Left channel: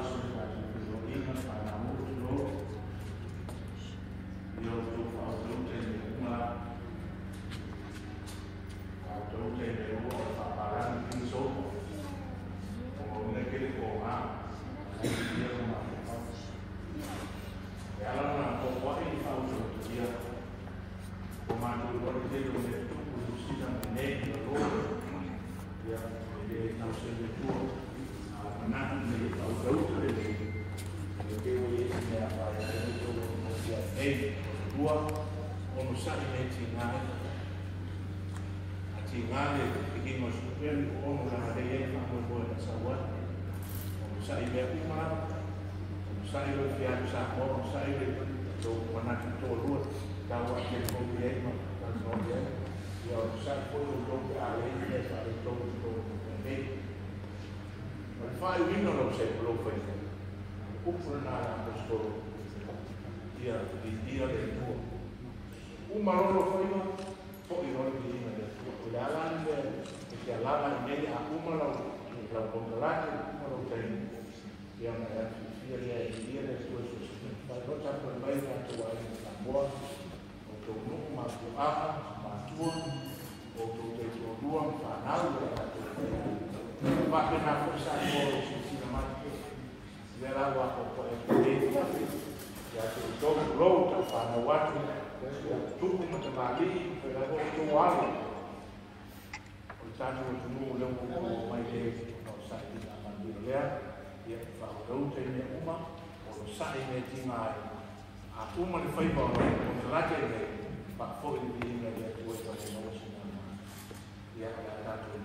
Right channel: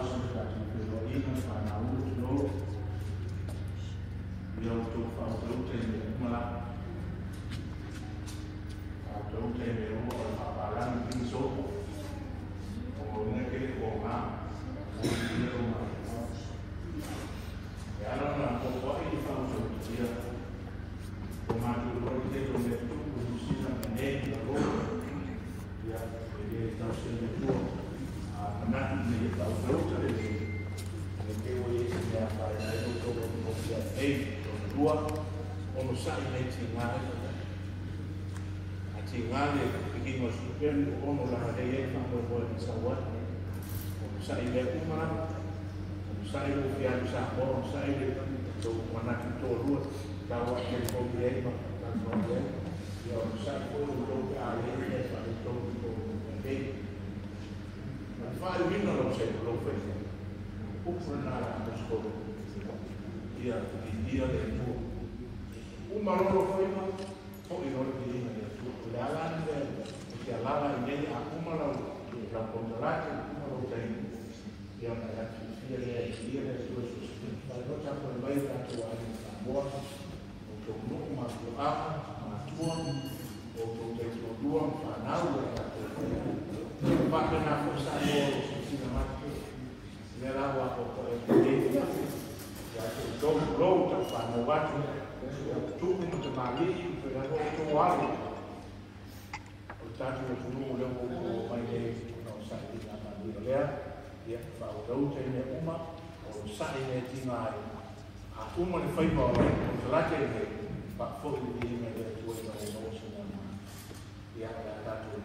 house that we go in and find out who to go. You know, to follow the Mala. Don't take the rule of Paparan being so. Or make it for her. I don't know what you found here. Come on, what is it on the two season and name the road? Yeah, maybe it's not in the tour. Not in the road to the day. Maybe we is in the road of the day from the tour. Almost saturating life. Ngale bikin hospital ono la de yang mau buat sawat saya ile umar saya ile dia bisa mau saya ile do mana itu luar tahu yang mau dia dan mau dia ya saya pun do ale dia saya do baik saya ini no saya belum pernah pernah mesti dia itu umar lo kau ini jalan jalan ini aku malah tidak bergerak mau jadi yang ada dia terus kalau tak terbaik atau tambah untuk masuk apa masuk untuk berjuang panau yang aku pakai aku satu sisi mati jalan waktu itu ya itu belum sama waktu itu macam lagi itu awal Tadi waktu dulu yang mau main dari sakit apa dia dia baru jadi umat orang saya tinggal aku mau fight bawa kontrak ini pak Ford ini dia buat kamu mau semua dia ada satu